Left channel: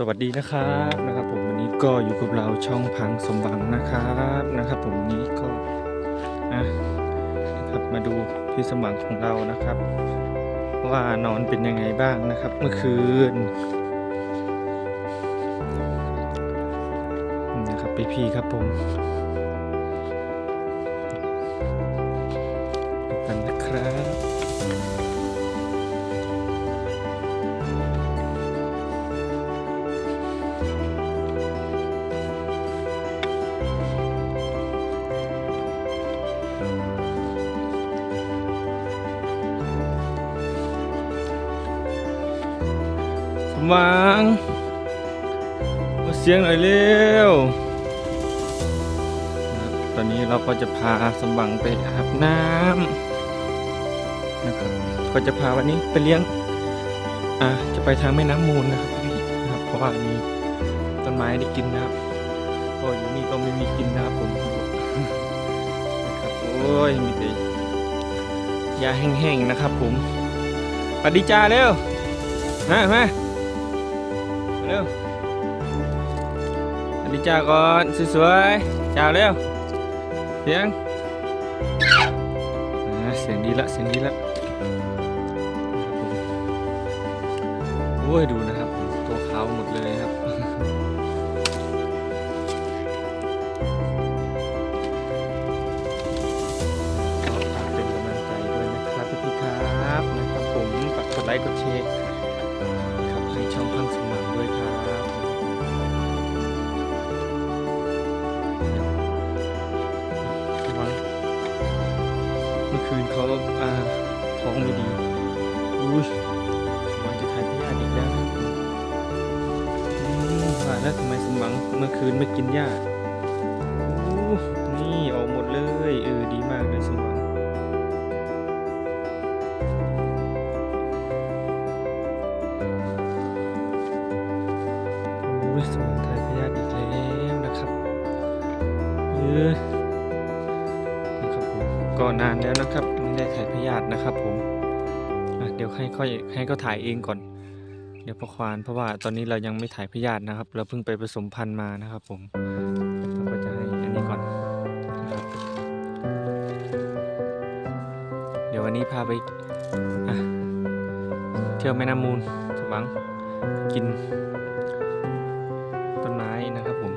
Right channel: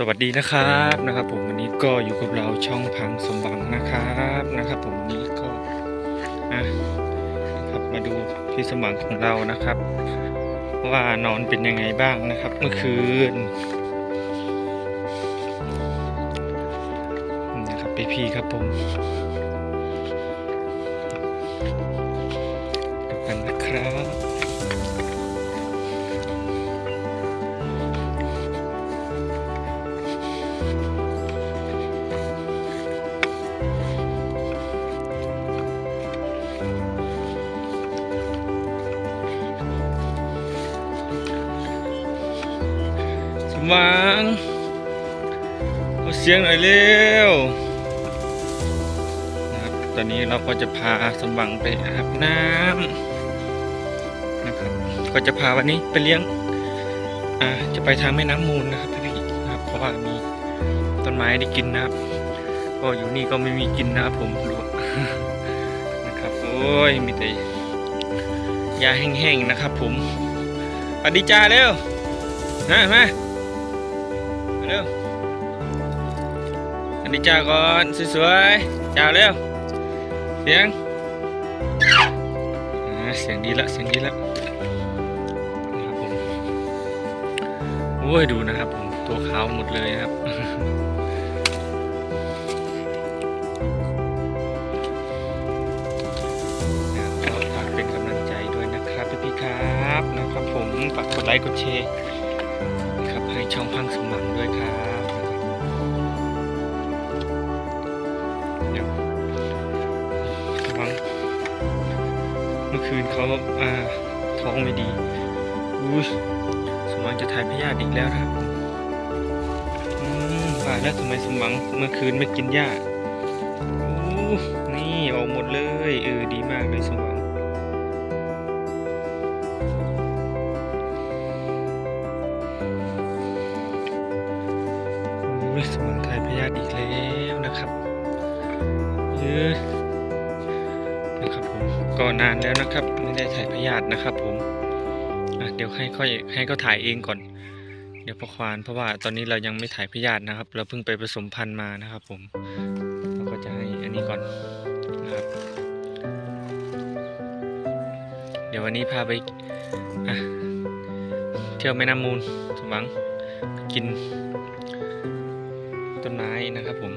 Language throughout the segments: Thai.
สวัสดีนะครับนะครับผมวันนี้ก็อยู่กับเราช่องพังสมบังนะครับนะครับ ผมนี้ก็นะครับมาดูพี่สมบังของเรานะครับ ว่านอนเป็นยังไงบ้างนะครับเมื่อคืนนะครับพี่พี่ครับผมดูกันนะครับ สมหวังมาเสียงหน่อยเร็วนะครับตอนนี้เราก็จะพาสมหวังไปอาบน้ำนะครับก็จะพาวันนี้ไปเลี้ยงอ่าจะไปทางแม่น้ำมูลนะครับพี่นะครับเพราะว่ามีต้นไม้ได้กินนะครับ ก็อยู่นี่ก็ไม่มีกินนะครับผมดูนะครับโอ้ยมีแต่ยาแห้งๆนะครับผมสวัสดีจ้าเร็วมามาเร็วอันนี้จ้าก่อนสวยๆจ้าเร็วเสียงเสียงดีละเสียงดีละโอ้ยดูนะครับผมตัวขาวหมดเลยครับ ค์กดแชร์ครับให้ช่องพังสมังด้วยครับเดี๋ยวระวังเมื่อคืนเขาอ่าท้องไม่ดีอุ้ยสมังจะถ่ายพยาธิอีกแล้วครับอืมว่าแล้วทำไมสมังเมื่อคืนไม่กินหญ้าอู้ ยสมุนไพรพยาธิอีกแล้วนะครับเออนะครับผมก็นานแล้วนะครับไม่ได้ถ่ายพยาธินะครับ ผมเดี๋ยวให้ค่อยให้เขาถ่ายเองก่อน เดี๋ยวพอควานเพราะว่าตอนนี้เรายังไม่ถ่ายพยาธินะครับ เราเพิ่งไปผสมพันธุ์มานะครับ ผมเราก็จะให้อันนี้ก่อนนะครับ เดี๋ยววันนี้พาไปเที่ยวแม่น้ำมูลสมหวังกิน ต้นไม้นะครับผม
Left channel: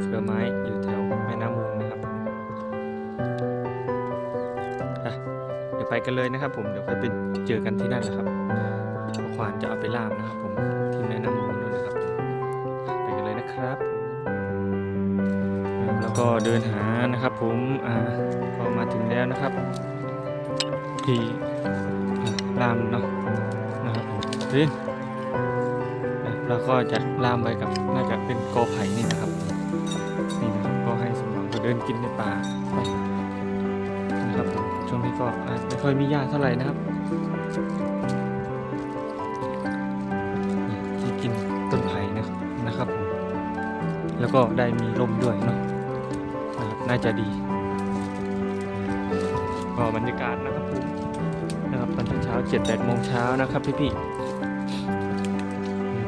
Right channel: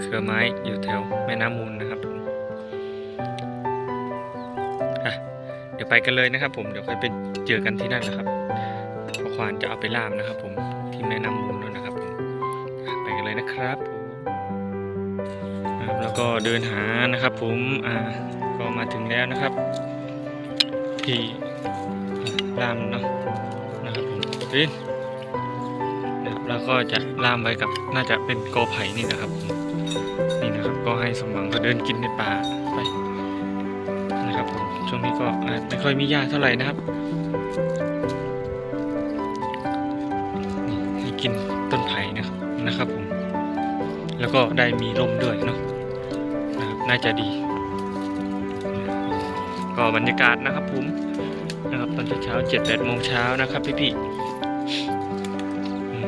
เครือไม้อยู่แถวแม่น้ำมูลนะครับผมเดี๋ยวไปกันเลยนะครับ ผมเดี๋ยวค่อยไปเจอกันที่นั่นแหละครับพ่อควานจะเอาไปล่ามนะครับ ผมที่แม่น้ำมูลนู่นนะครับผมไปกันเลยนะครับผมแล้วก็เดินหานะครับ ผมอ่าก็มาถึงแล้วนะครับที่ล่ามเนาะนะครับผมพิน แล้วก็จะล่ามไว้กับน่าจะเป็นกอไผ่นี่นะครับ นี่นะครับก็ให้สมหวังเขาเดินกินในป่าไปนะครับผมช่วงนี้ก็ไม่ค่อยมีหญ้าเท่าไหร่นะครับนี่กินต้นไผ่นะครับนะครับผมแล้วก็ได้มีลมด้วยเนาะนะครับน่าจะดี ก็บรรยากาศนะครับผมนะครับตอนเช้าเจ็ดแปดโมงเช้านะครับพี่ๆ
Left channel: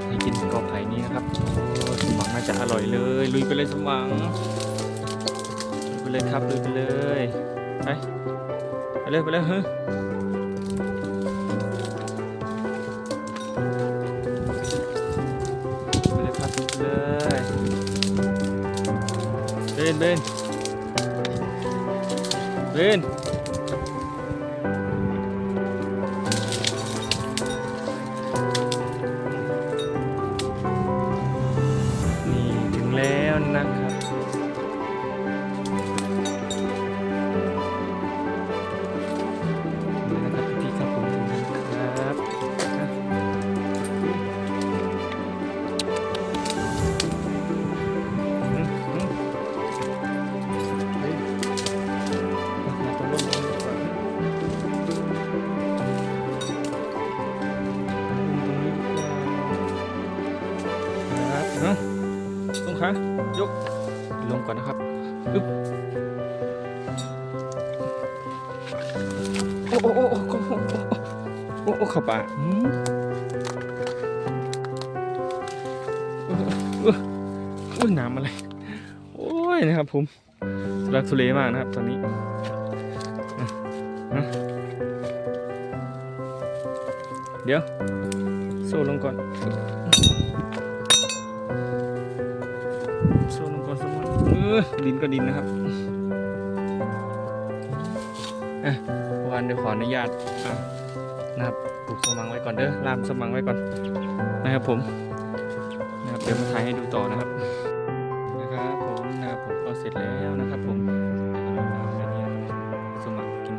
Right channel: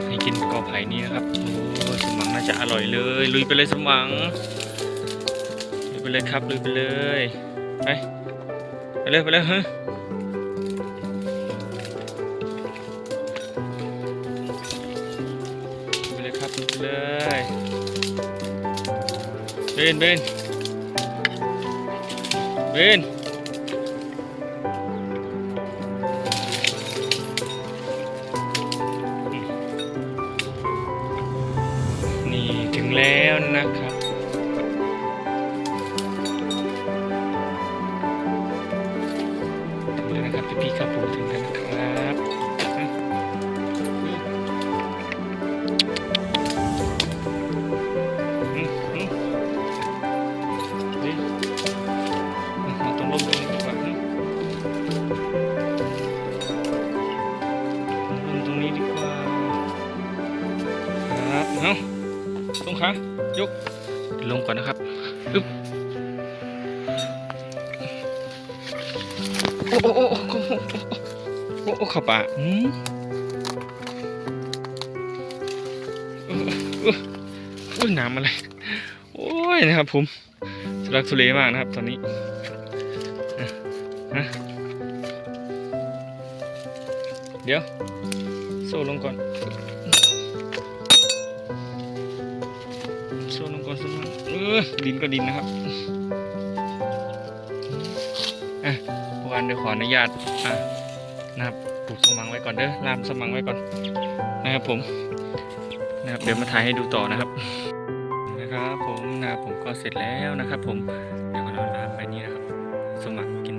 ให้กินกอไผ่นี้นะครับโอ้สมหวังน่าจะอร่อยเลย ลุยไปเลยสมหวังลุยไปเลยครับลุยไปเลยไปไปเลยไปเลยฮะไปเลยครับไปเลยเบนเบนเบนนี่ ลงค้างยกลงก่อนนะครับอึ๊บโอ้โอ้โอ้โอ้โอ้ขับปะอืมอุ้ยน้ำอะไร โอ้ยนะครับผมทุลักทุเลมากนะครับ ตอนนี้เดี๋ยว โซ่ลงก่อน โซ่ลงก่อนโซ่ลงเออดินก็ดินนะครับอะพวกอันเดี๋ยวขออนุญาตอะนะครับปลูกสมังไว้ก่อนเด้อล่ามสมังไว้ก่อนนะครับผมนะครับเดี๋ยวมาถ่ายให้ดูต่อนะครับนะครับผมนะครับผมก็เสร็จแล้วนะครับ ผมเดี๋ยวมาลดน้ำไปนี่นะครับ สมัครกิน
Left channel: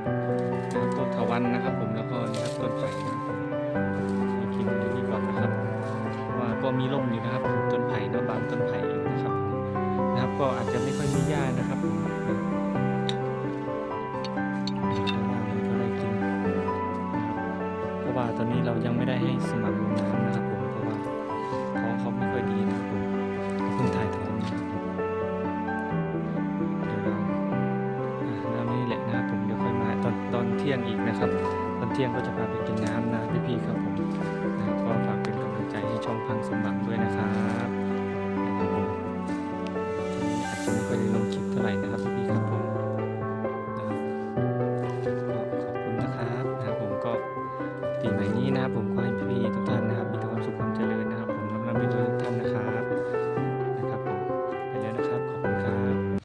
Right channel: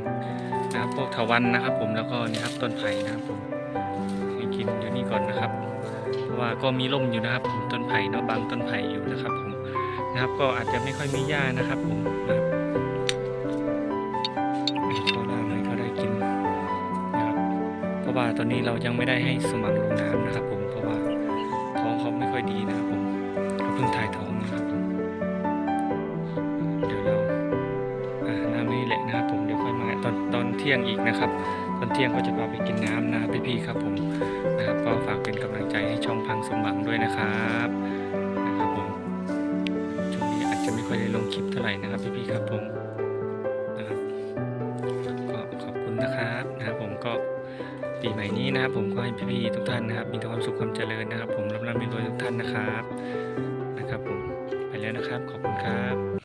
นะครับพวกถาวันนะครับ ผมแล้วก็นี่ครับต้นไผ่นะครับผมให้กินเดี๋ยวนี้ก่อนนะครับ เพราะว่าก็มีร่มอยู่นะครับผมต้นไผ่เนาะบางต้นไผ่อยู่นะครับผม นะครับ ก็อาจจะไม่ค่อยมีหญ้านะครับผมให้เขาได้ให้เขาได้กินนะครับเพราะว่าตอนนี้เรายังไม่ได้ให้สมัครลงน้ำนะครับ ผมเพราะว่าท้องเขาไม่ค่อยดีนะครับผมเขาเพิ่งถ่ายท้องนะครับผมเดี๋ยวเราอาน้ำนี่แหละนะครับผมเดี๋ยวค่อยมาตอนตอนเที่ยงอีกนะครับ ตอนเที่ยงก็จะพาไปกินน้ำนะครับพี่ๆครับผมนะครับก็ฝากเป็นกำลังใจให้ช่องพังสมบังด้วยนะครับ จะไม่ค่อยได้ลงคลิปเท่าไหร่นะครับพี่ๆครับผมนะครับก็ขอบคุณนะครับนะครับผมก็ปีใหม่นี้นะครับผมก็ให้พี่ๆทุกท่านนะครับ มีแต่ความสุขความเจริญนะครับ ผมร่ำรวยทุกท่านนะครับนะครับผมไปแล้วนะครับขอบคุณครับ